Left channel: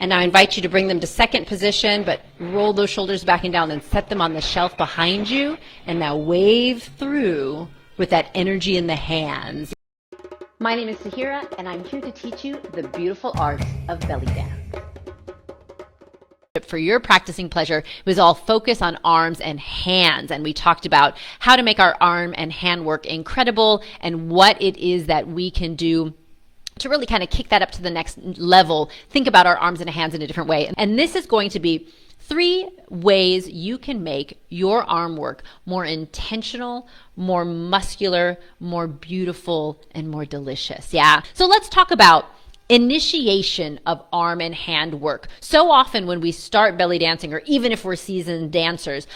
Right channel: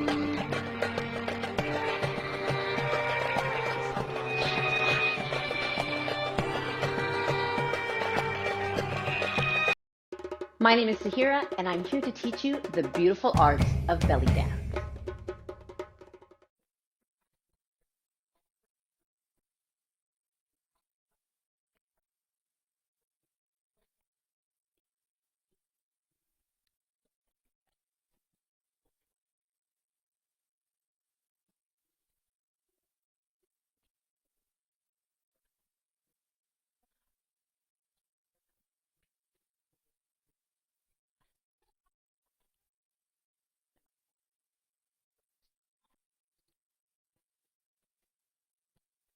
And now I invite you to bring them to second position, but roll those shoulders back and down and set them on the shelf behind you. And now wave through with that energy in the hands. My name is Sahira, and I'm here to teach you the beautiful art of belly dance. For your practicing pleasure, it was all focus on arms and hands. And we talked about how to make our arm and hand work incredible and what it is that we can do to really kind of kick that up to the next level. Think about our arms and hands in a different way. And this is going to be 3 ways you can make your arm work more intentional, more muscular, more beautiful, and more delicious. Yeah. So let's talk about initiation of arm and hand work. So often when we start belly dancing, or even if we're seasoned dancers,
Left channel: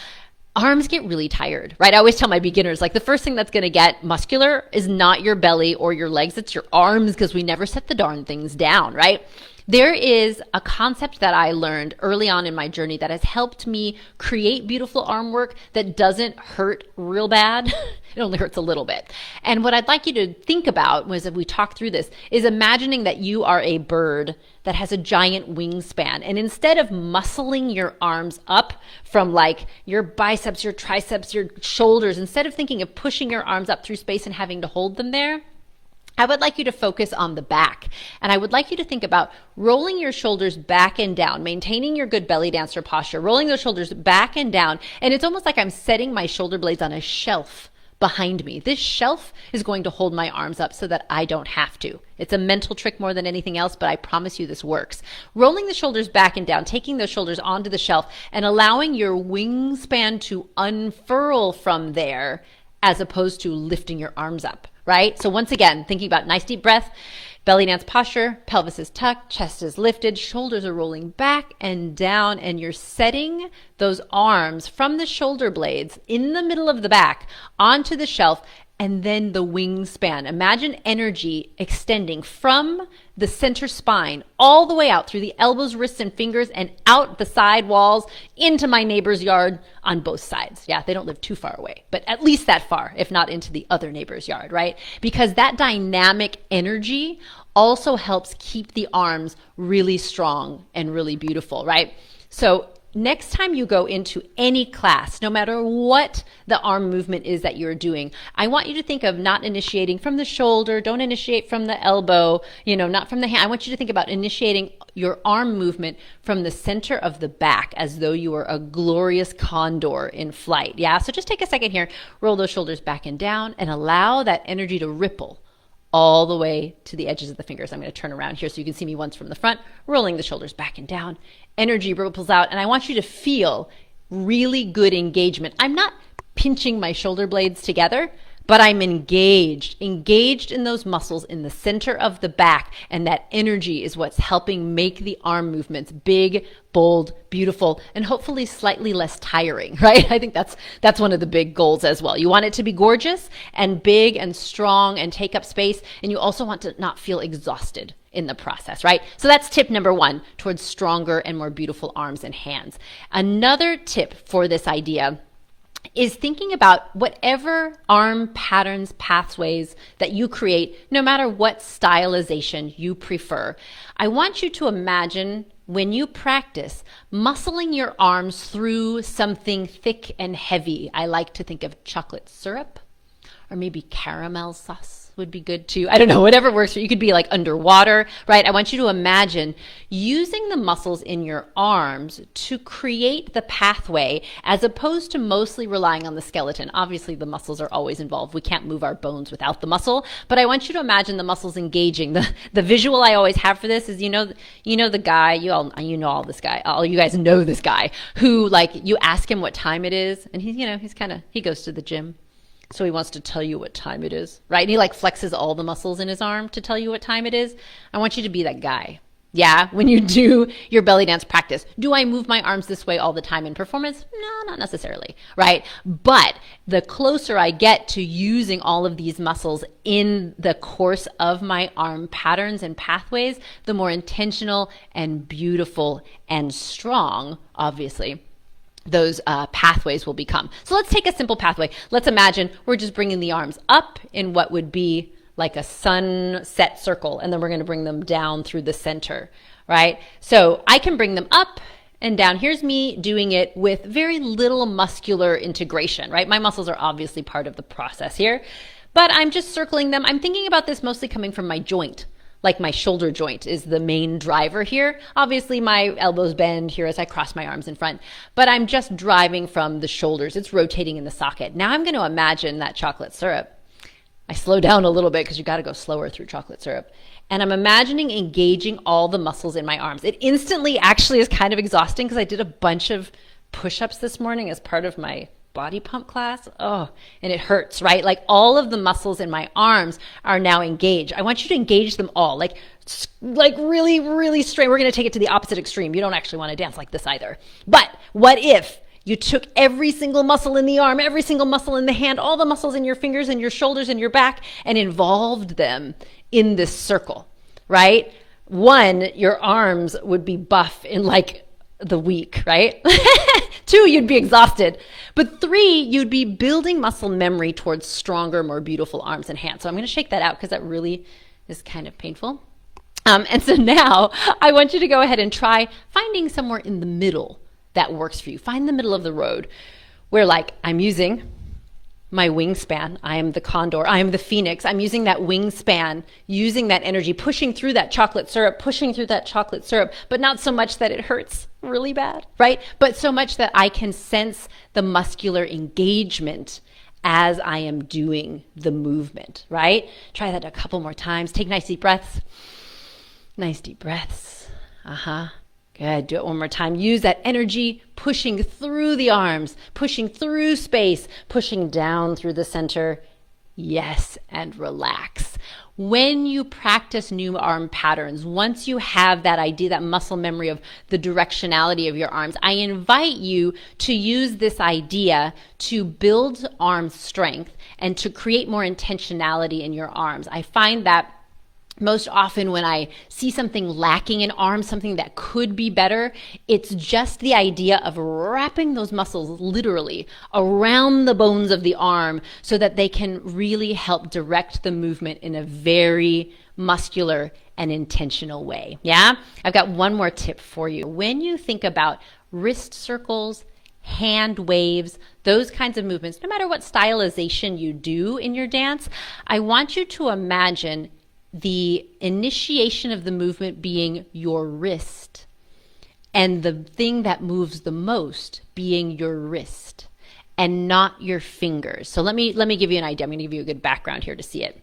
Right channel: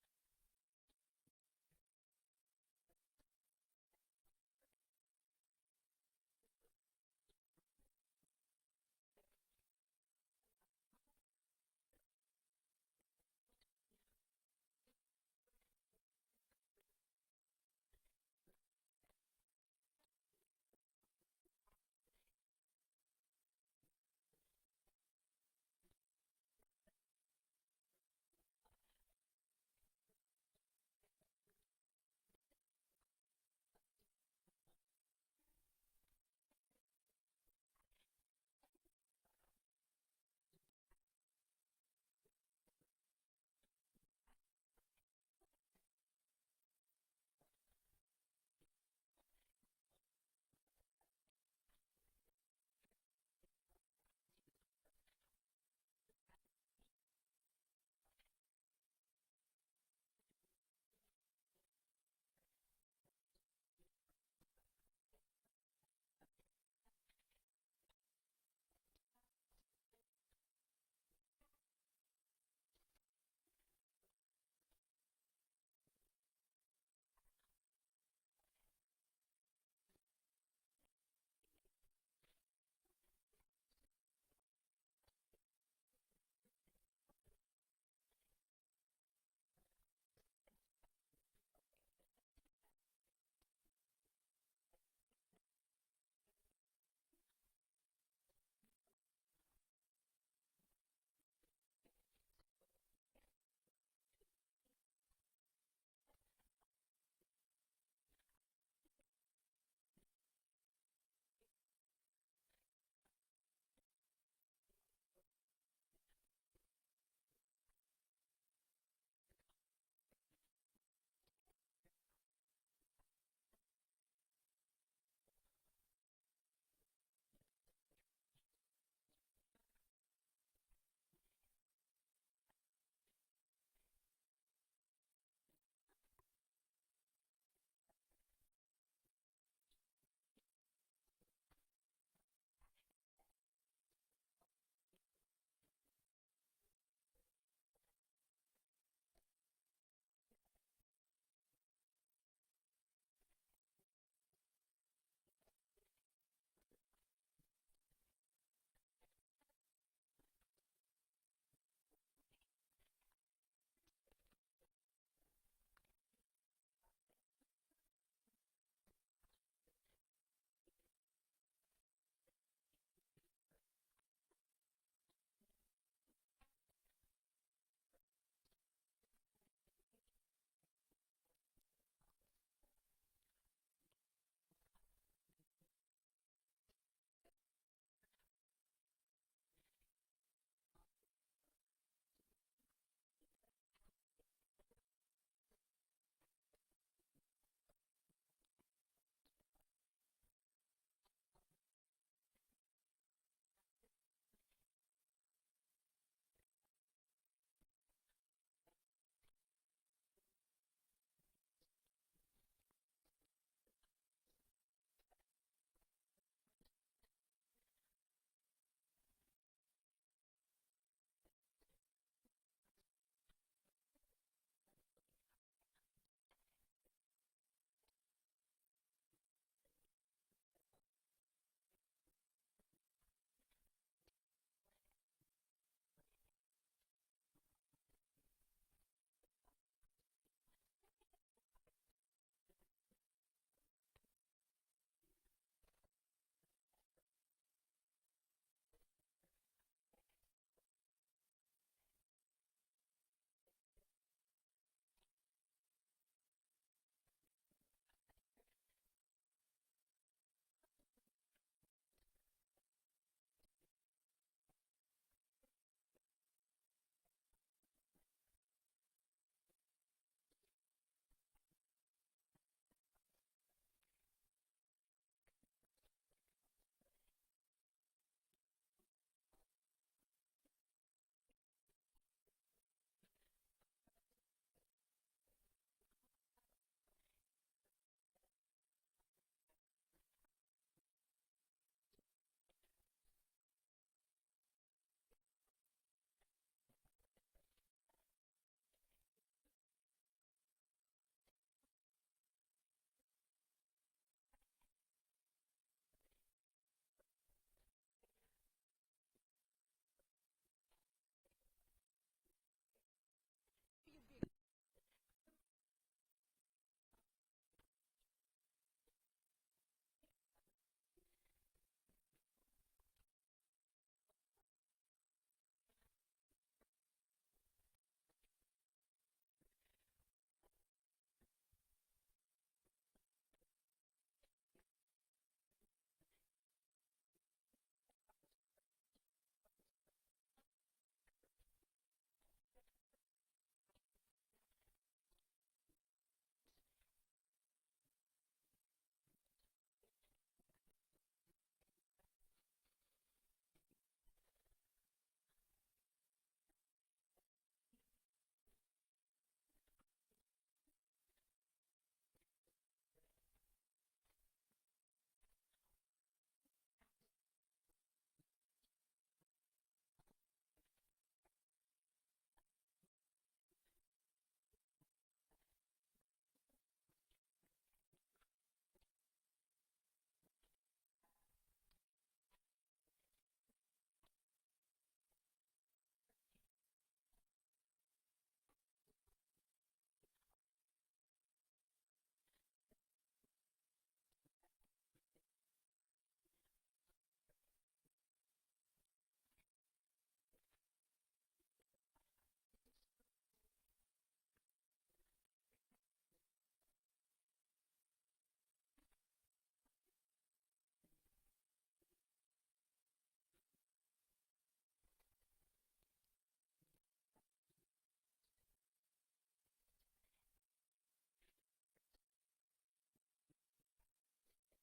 arms get really tired, right? I always tell my beginners, like, the first thing that's going to get muscular is not your belly or your legs, it's your arms, because we never set the darn things down, right? There is a concept that I learned early on in my journey that has helped me create beautiful arm work that doesn't hurt real bad. It only hurts a little bit. And what I'd like you to think about was, if we talk through this, is imagining that you are a bird that has a giant wingspan. And instead of muscling your arms up from like your biceps, your triceps, your shoulders, instead of thinking of pushing your arms up through space and having to hold them there, I would like you to focus on the back. And I would like you to think about rolling your shoulders back and down, maintaining your good belly dancer posture, rolling those shoulders back and down. And it's almost like I'm setting my shoulder blades on a shelf behind me. This shelf is going to hold my arms up so that I don't have to. It's a mental trick more than anything else, but I promise you this works. Rolling the shoulders back and down, taking those shoulders onto the shelf, and allowing your wingspan to unfurl from there, as opposed to lifting your arms up, right? So once again, thinking about nice deep breath, belly dance posture, pelvis is tucked, chest is lifted, shoulders are rolling back and down, and you're setting those arms from the shoulder blades in the middle of the back onto the shelf, and then the wingspan. Imagine energy extending from the center spine all the way out through the elbows, wrists, and fingers, and out the side walls into my neighbor's yard on both sides. Yeah, they don't live too far away, but at least that far, if not into the other neighbor's yard, right? Because that dynamic energy also helps keep the arms really strong and really beautiful, right? So next time you go into any class, no matter what the arm movement is that you're doing, I want you to think of not initiating from the shoulder, don't initiate from the elbow, not from the hand. I want you to think about initiating your arm movement from the center of the back, as though you were a glorious condor in flight. Yeah, so just take a second here, roll those shoulders back and down, and allow that energy to ripple all the way to the edges of the fingers. I'm going to turn around here so you can see me once from the front, rolling the shoulders back and down. Energy ripples out, and I want you to feel really good engagement. I'm not pinching my shoulder blades together, but I'm engaged in those muscles in the center of the back, and that energy is what's helping make the arm movements big, bold, beautiful, and hopefully slightly less tiring, right? I think that's one of the big goals as well. You want it to be gorgeous and big and strong and take up space, and you also want to not feel exhausted in the process, right? So that's tip number 1 towards stronger and more beautiful arms and hands. Another tip for this idea is thinking about whatever arm patterns, pathways that you create, no matter what stylization you prefer. I want you to imagine, when you practice, muscling your arms through something thick and heavy. I like to think of chocolate syrup, or maybe caramel sauce would be good too. I don't know, whatever works for you. You could be like underwater, right? I want you to imagine using the muscles in your arms to create the pathway, as opposed to mostly relying on the skeleton. Obviously, the muscles are always involved. We can't move our bones without the muscle, but I want you to imagine the muscles engaging. The visual I always have for this is, the guy, all you guys know this guy who, like, you ask him what time it is, and he goes to the gym. So he wants to tell you what time it is, right? And he like flexes all the muscles in his arm to tell you what time it is. I want you to be that guy. Yeah, when you do your belly dance practice, do I move my arms this way all the time in performance? No, not necessarily, right? But the closer I get to using all of these muscles in the course of my arm patterns and pathways, the more intentional and beautiful and strong, obviously, those pathways will become. So let's take a simple pathway. Let's imagine we're just bringing the arms up in what would be like a sunset circle, and then we're going to bring them down through the center, right? So I can bring them up and down. Here's me doing it with very little muscular integration, right? My muscles are obviously part of the process here, but I'm just circling them. I'm thinking about this mostly coming from my joint. Like my shoulder joint is the main driver here. Obviously my elbows bend here as I cross my arms in front, but I'm just driving from the shoulders. It's rotating in the socket. Now I'm going to imagine that chocolate syrup. I slow down a little bit because you got to go slower through chocolate syrup. And I'm imagining engaging all the muscles in my arms. It instantly actually is kind of exhausting because I did a bunch of push-ups this morning as part of my body pump class. Oh, and it hurts, right? Like all of the muscles in my arms are now engaged. I want you to engage them all, like really, really straight. We're going to take it to the opposite extreme. You don't actually want to dance like this either. But what if you took every single muscle in the arm, every single muscle in the hand, all the muscles in your fingers and your shoulders and your back, and involved them in this circle, right? One, your arms would be buff in like the week, right? Two, you'd be exhausted. But three, you'd be building muscle memory towards stronger, more beautiful arms and hands. So I'm going to shake that out because that really is kind of painful. And so now I want you to go ahead and try finding somewhere in the middle that works for you. Find the middle of the road where like I'm using my wingspan. I am the condor. I am the phoenix. I'm using that wingspan, using that energy, pushing through that chocolate syrup, but not so much that it hurts really bad, right? But so much that I can sense the muscular engagement as I am doing the movement, right? Try that a couple more times. Take nice deep breaths. Nice deep breaths. Good. Do it one more time. Use that energy, pushing through the arms, pushing through space, pushing down through the center. Yes, and relax. When you practice new arm patterns, once you have that idea, that muscle memory of the directionality of your arms, I invite you to use this idea to build arm strength and to create more intentionality in your arms. I find that most often when I see something lacking in arms, something that could be better, it's just the idea of wrapping those muscles literally around the bones of the arm so that they can really help direct the movement in a very muscular and intentional way. Yeah? I've got one more tip for you. When you think about wrist circles, hand waves, those kinds of movements, no matter what stylization you do in your dance, I want you to imagine the initiation of the movement being your wrist and the thing that moves the most being your wrist and not your fingers. So let me give you an idea. I'm going to give you a good background here to see it.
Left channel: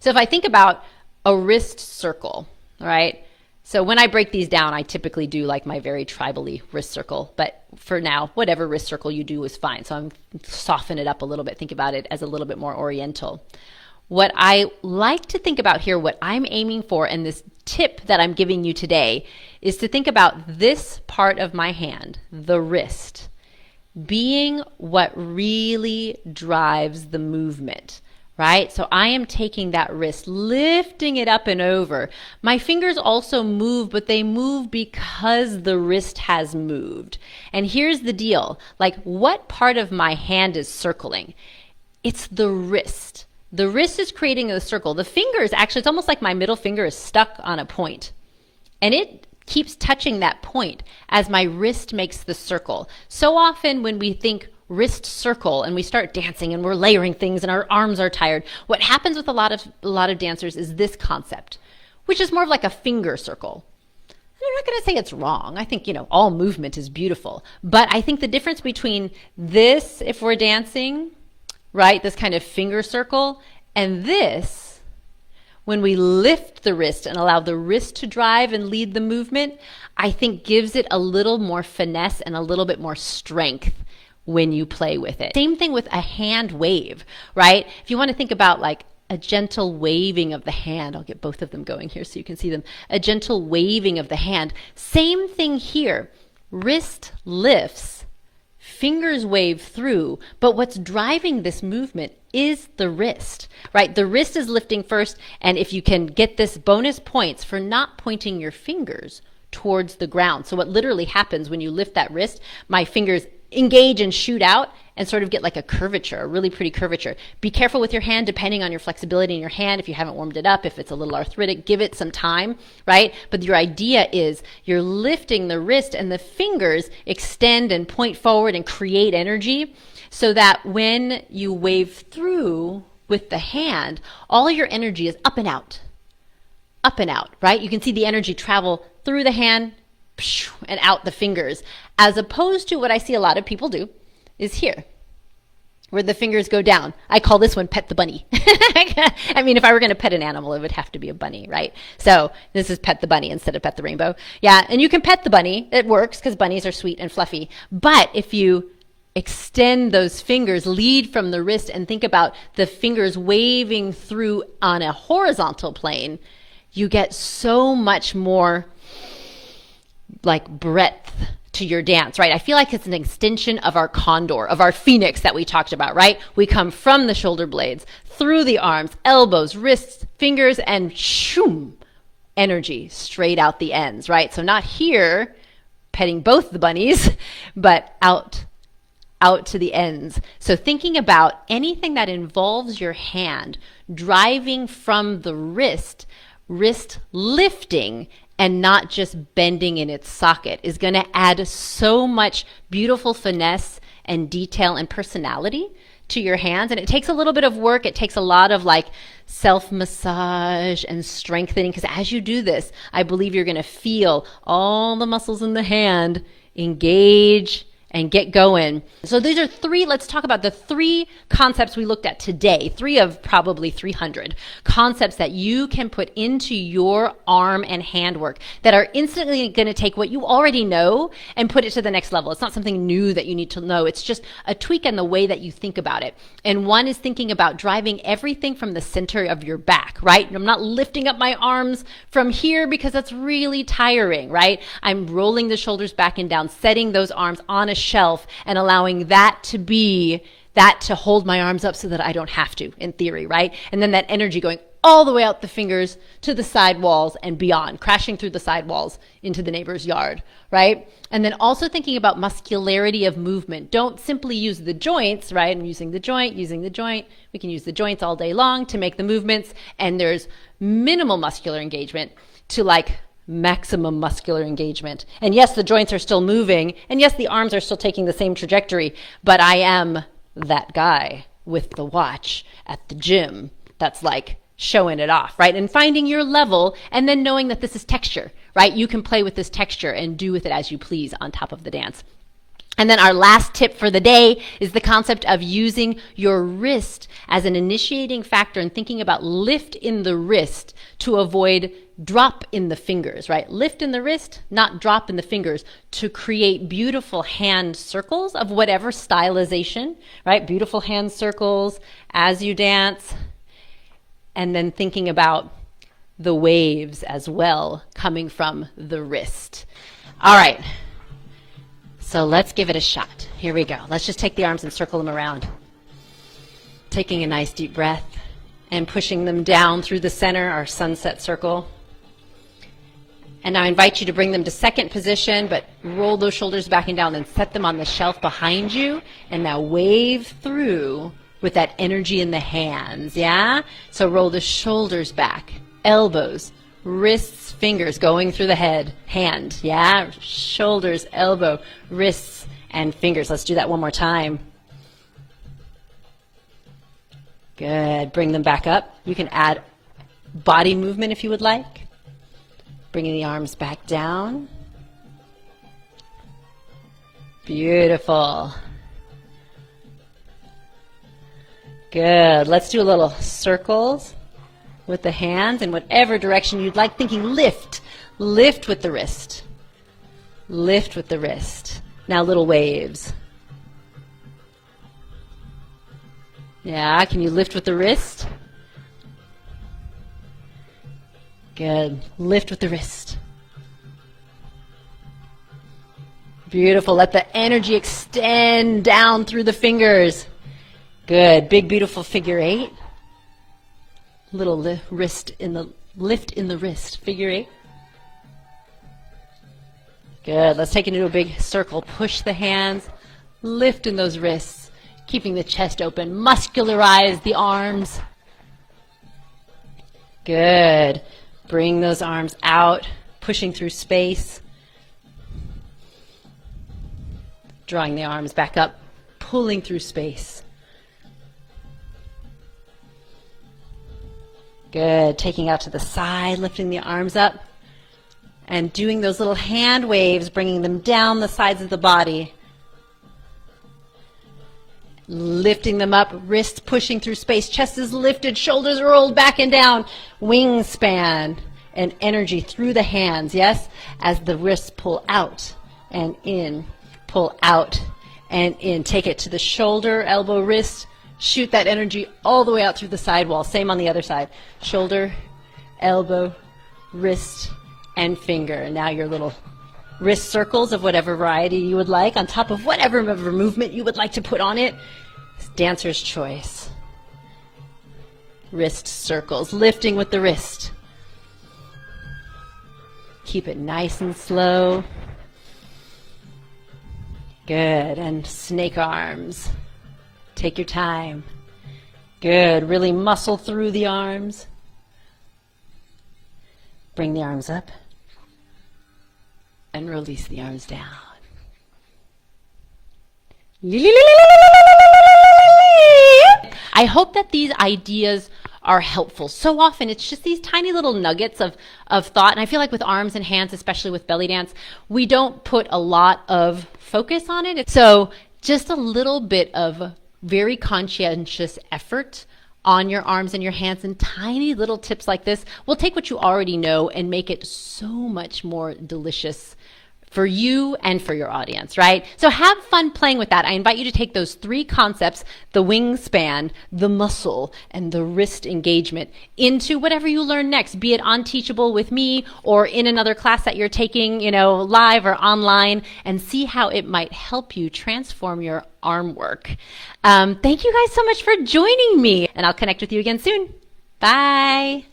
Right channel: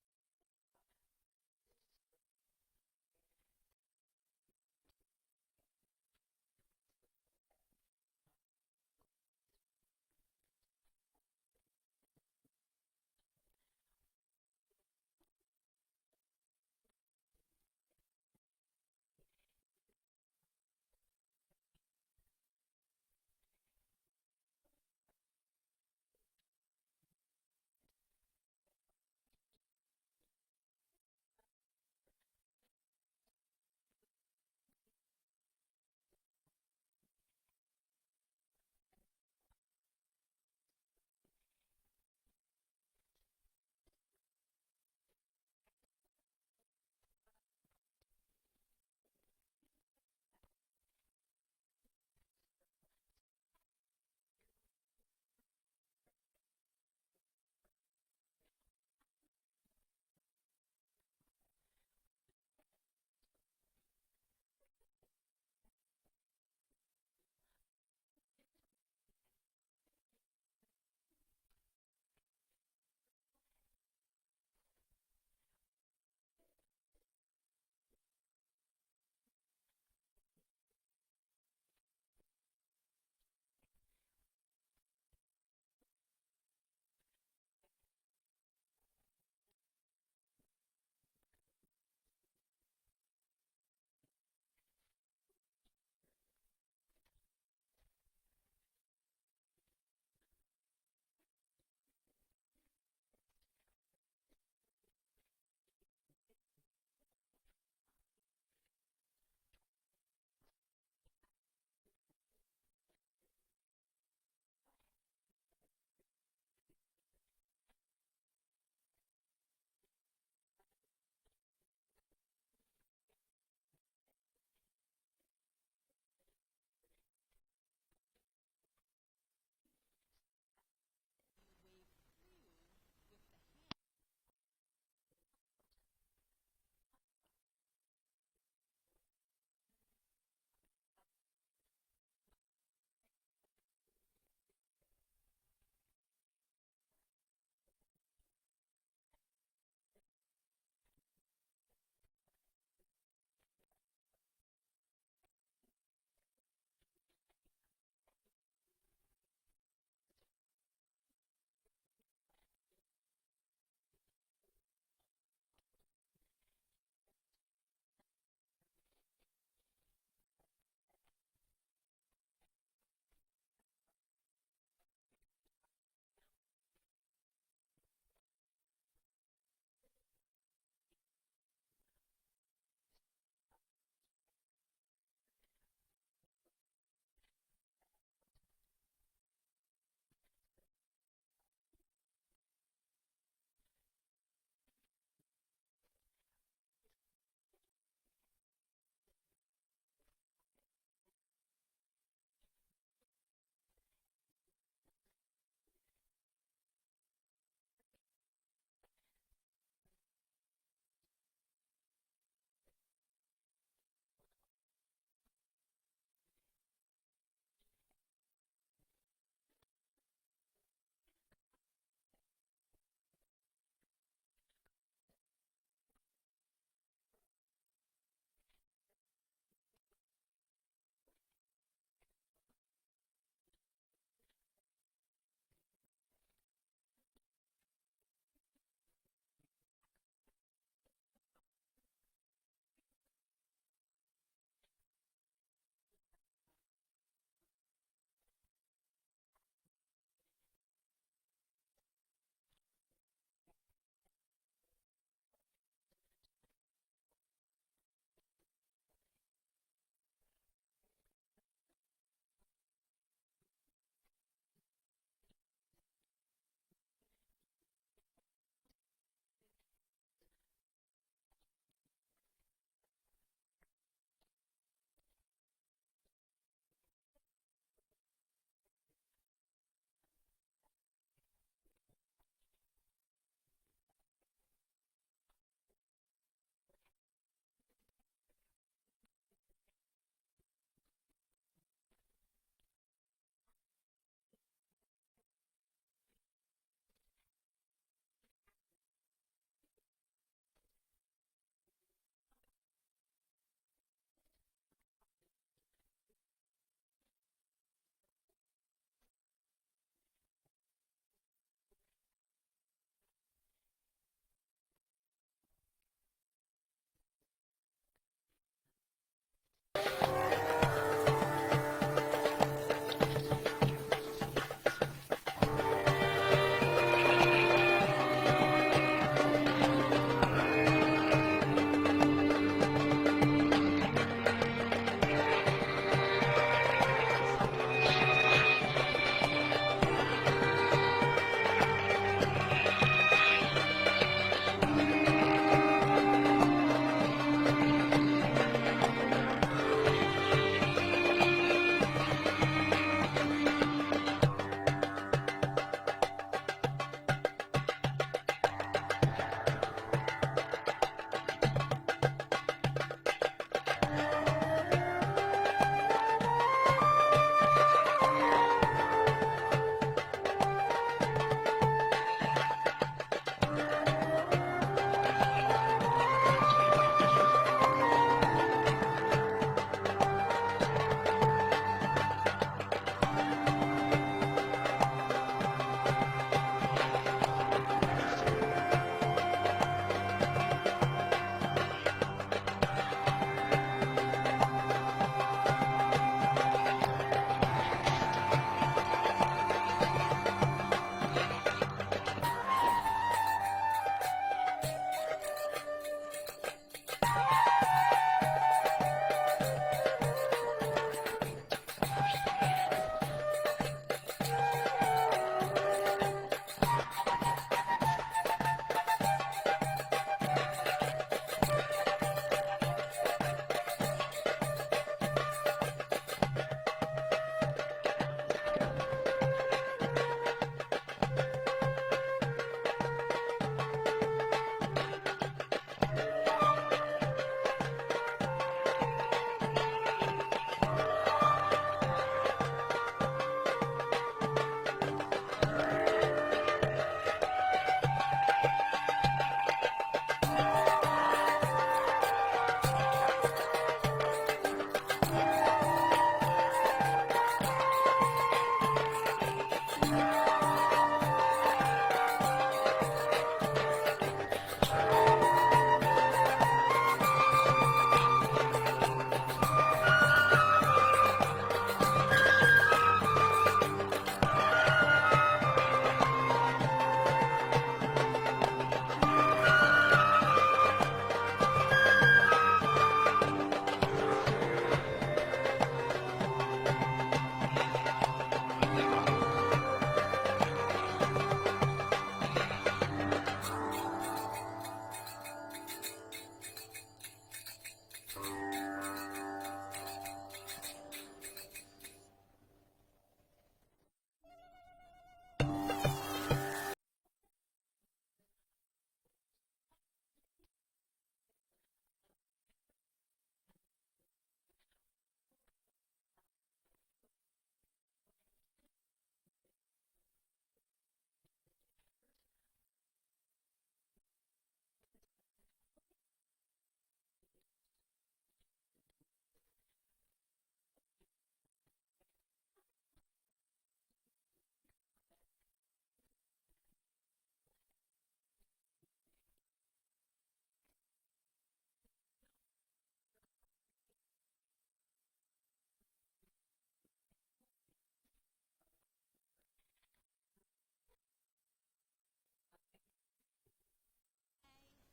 So if I think about a wrist circle, all right? So when I break these down, I typically do like my very tribally wrist circle, but for now, whatever wrist circle you do is fine. So I'm soften it up a little bit. Think about it as a little bit more oriental. What I like to think about here, what I'm aiming for, and this tip that I'm giving you today, is to think about this part of my hand, the wrist, being what really drives the movement, right? So I am taking that wrist, lifting it up and over. My fingers also move, but they move because the wrist has moved. And here's the deal, like what part of my hand is circling? It's the wrist. The wrist is creating a circle. The fingers, actually, it's almost like my middle finger is stuck on a point. And it keeps touching that point as my wrist makes the circle. So often when we think wrist circle and we start dancing and we're layering things and our arms are tired, what happens with a lot of dancers is this concept, which is more of like a finger circle. And I'm not going to say it's wrong. I think, all movement is beautiful. But I think the difference between this, if we're dancing, right, this kind of finger circle, and this, when we lift the wrist and allow the wrist to drive and lead the movement, I think gives it a little more finesse and a little bit more strength when you play with it. Same thing with a hand wave, right? If you want to think about like a gentle waving of the hand, I'll get both of them going here so you can see them. A gentle waving of the hand. Same thing here. Wrist lifts, fingers wave through, but what's driving this movement is the wrist, right? The wrist is lifting first, and if you can get this bonus points for not pointing your fingers towards the ground. So what literally happens when you lift that wrist, my fingers engage and shoot out and sort of get like a curvature, a really pretty curvature. Be careful with your hand, depending on your flexibility in your hand. If you haven't warmed it up, if it's a little arthritic, give it some time, right? But your idea is you're lifting the wrist and the fingers extend and point forward and create energy so that when you wave through with the hand, all your energy is up and out, right? You can see the energy travel through the hand and out the fingers, as opposed to what I see a lot of people do is here, where the fingers go down. I call this one pet the bunny. I mean, if I were going to pet an animal, it would have to be a bunny, right? So this is pet the bunny instead of pet the rainbow. Yeah, and you can pet the bunny. It works because bunnies are sweet and fluffy. But if you extend those fingers, lead from the wrist, and think about the fingers waving through on a horizontal plane, you get so much more like breadth to your dance, right? I feel like it's an extension of our condor, of our phoenix that we talked about, right? We come from the shoulder blades, through the arms, elbows, wrists, fingers, and shoom, energy straight out the ends, right? So not here, petting both the bunnies, but out to the ends. So thinking about anything that involves your hand driving from the wrist lifting and not just bending in its socket is going to add so much beautiful finesse and detail and personality to your hands. And it takes a little bit of work. It takes a lot of like self-massage and strengthening, because as you do this, I believe you're going to feel all the muscles in the hand engage and get going. So these are three, let's talk about the three concepts we looked at today, 3 of probably 300 concepts that you can put into your arm and hand work that are instantly going to take what you already know and put it to the next level. It's not something new that you need to know. It's just a tweak in the way that you think about it. And one is thinking about driving everything from the center of your back, right? I'm not lifting up my arms from here because that's really tiring, right? I'm rolling the shoulders back and down, setting those arms on a shelf and allowing that to hold my arms up so that I don't have to, in theory, right? And then that energy going all the way out the fingers to the side walls and beyond, crashing through the side walls into the neighbor's yard, right? And then also thinking about muscularity of movement. Don't simply use the joints, right? I'm using the joint. We can use the joints all day long to make the movements, and there's minimal muscular engagement to like maximum muscular engagement. And yes, the joints are still moving, and yes, the arms are still taking the same trajectory, but I am that guy with the watch at the gym that's like showing it off, right? And finding your level, and then knowing that this is texture, right? You can play with this texture and do with it as you please on top of the dance. And then our last tip for the day is the concept of using your wrist as an initiating factor and thinking about lift in the wrist to avoid drop in the fingers, right? Lift in the wrist, not drop in the fingers, to create beautiful hand circles of whatever stylization, right? Beautiful hand circles as you dance. And then thinking about the waves as well coming from the wrist. All right. So let's give it a shot. Here we go. Let's just take the arms and circle them around. Taking a nice deep breath and pushing them down through the center, our sunset circle. And now I invite you to bring them to second position, but roll those shoulders back and down and set them on the shelf behind you. And now wave through with that energy in the hands, yeah? So roll the shoulders back, elbows, wrists, fingers going through the hand, yeah? Shoulders, elbow, wrists, and fingers. Let's do that one more time. Good. Bring them back up. You can add body movement if you would like. Bringing the arms back down. Beautiful. Good. Let's do a little circles with the hands in whatever direction you'd like. Thinking lift. Lift with the wrist. Lift with the wrist. Now little waves. Yeah, can you lift with the wrist? Good. Lift with the wrist. Beautiful. Let the energy extend down through the fingers. Good. Big, beautiful figure 8. Little lift in the wrist. Figure 8. Good. Let's take it into a big circle. Push the hands Lifting those wrists, keeping the chest open. Muscularize the arms. Good. Bring those arms out, pushing through space. Drawing the arms back up, pulling through space. Good. Taking out to the side, lifting the arms up, and doing those little hand waves, bringing them down the sides of the body. Lifting them up, wrists pushing through space, chest is lifted, shoulders rolled back and down, wingspan and energy through the hands, yes, as the wrists pull out and in, pull out and in. Take it to the shoulder, elbow, wrist, shoot that energy all the way out through the side wall. Same on the other side, shoulder, elbow, wrist, and finger. And now your little wrist circles of whatever variety you would like on top of whatever movement you would like to put on it. It's dancer's choice. Wrist circles, lifting with the wrist. Keep it nice and slow. Good, and snake arms. Take your time. Good, really muscle through the arms. Bring the arms up. And release the arms down. I hope that these ideas are helpful. So often it's just these tiny little nuggets of thought. And I feel like with arms and hands, especially with belly dance, we don't put a lot of focus on it. So just a little bit of very conscientious effort on your arms and your hands, and tiny little tips like this will take what you already know and make it so much more delicious for you and for your audience, right? So have fun playing with that. I invite you to take those three concepts, the wingspan, the muscle, and the wrist engagement, into whatever you learn next, be it on Teachable with me or in another class that you're taking, live or online, and see how it might help you transform your arm work. Thank you guys so much for joining me, and I'll connect with you again soon. Bye.